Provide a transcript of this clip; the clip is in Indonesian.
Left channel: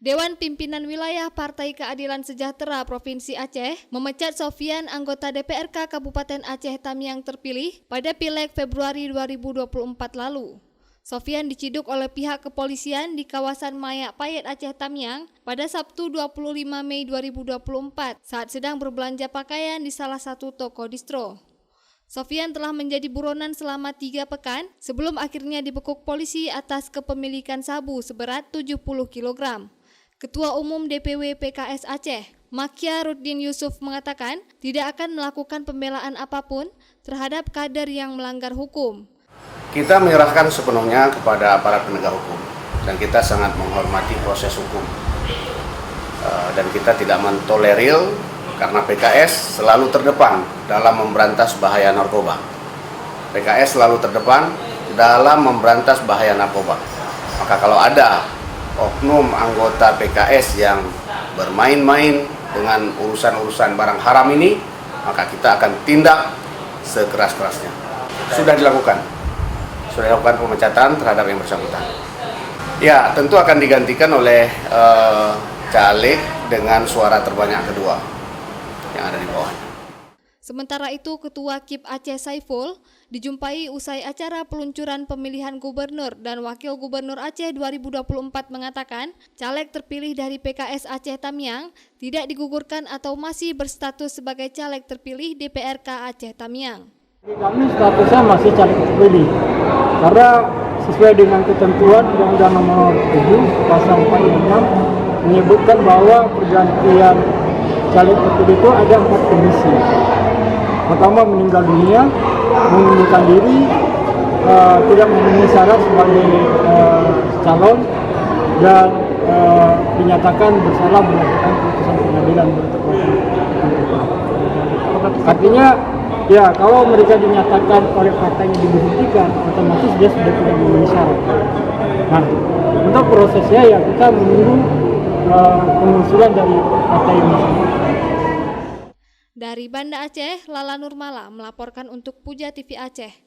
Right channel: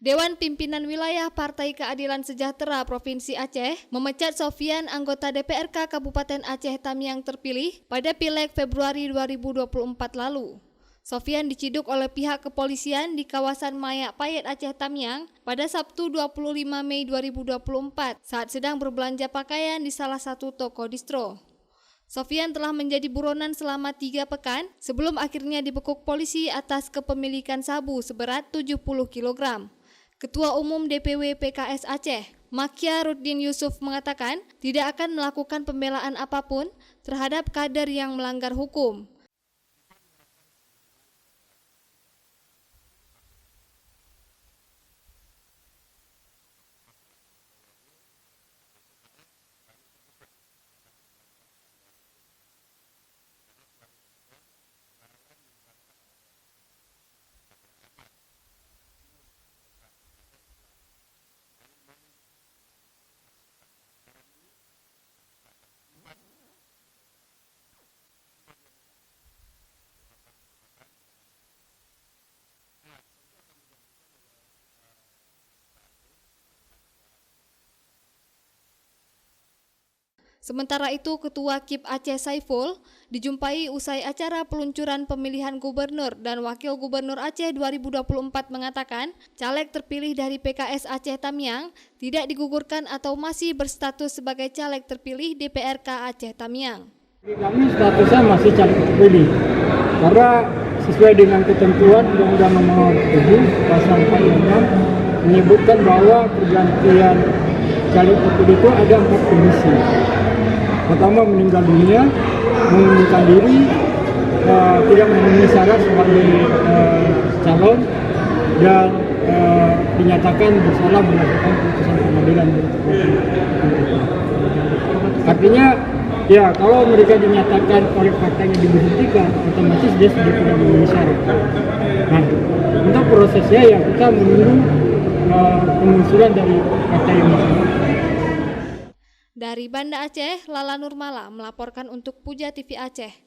Dewan Pimpinan Wilayah Partai Keadilan Sejahtera Provinsi Aceh memecat Sofian, anggota DPRK Kabupaten Aceh Tamiang terpilih pada Pileg Februari 2024 lalu. Sofian diciduk oleh pihak kepolisian di kawasan Mayak Payet Aceh Tamiang pada Sabtu 25 Mei 2024 saat sedang berbelanja pakaian di salah satu toko distro. Sofian telah menjadi buronan selama 3 pekan sebelum akhirnya dibekuk polisi atas kepemilikan sabu seberat 70 kg. Ketua Umum DPW PKS Aceh, Makia Ruddin Yusuf mengatakan tidak akan melakukan pembelaan apapun terhadap kader yang melanggar hukum. Kita menyerahkan sepenuhnya kepada aparat penegak hukum dan kita sangat menghormati proses hukum. Dan kita tidak mentolerir karena PKS selalu terdepan dalam memberantas bahaya narkoba. PKS selalu terdepan dalam memberantas bahaya narkoba. Maka kalau ada oknum anggota PKS yang bermain-main dengan urusan-urusan barang haram ini, maka kita akan tindak sekeras-kerasnya. Sudah dilakukan pemecatan terhadap yang bersangkutan. Ya, tentu akan digantikan oleh caleg dengan suara terbanyak kedua yang ada di bawah. Sementara itu, Ketua KIP Aceh Saiful dijumpai usai acara peluncuran pemilihan gubernur dan wakil gubernur Aceh 2024 mengatakan caleg terpilih dari PKS Aceh Tamiang tidak digugurkan atau masih berstatus sebagai caleg terpilih DPRK Aceh Tamiang. Kami statusnya masih caleg terpilih karena sesuai dengan ketentuan Undang-Undang Nomor 7 Pasal 46 menyebutkan bahwa pergantian caleg terpilih itu ada 4 kondisi. Pertama, meninggal dunia, mengundurkan diri, tidak memenuhi syarat sebagai calon, dan dinyatakan bersalah berdasarkan putusan pengadilan. Artinya, ya kalau mereka dinyatakan oleh partainya diberhentikan, otomatis dia sudah tidak memenuhi syarat. Nah, untuk prosesnya ya kita menunggu pengusulan dari partai yang bersangkutan. Dari Banda Aceh, Lala Nurmala melaporkan untuk Puja TV Aceh.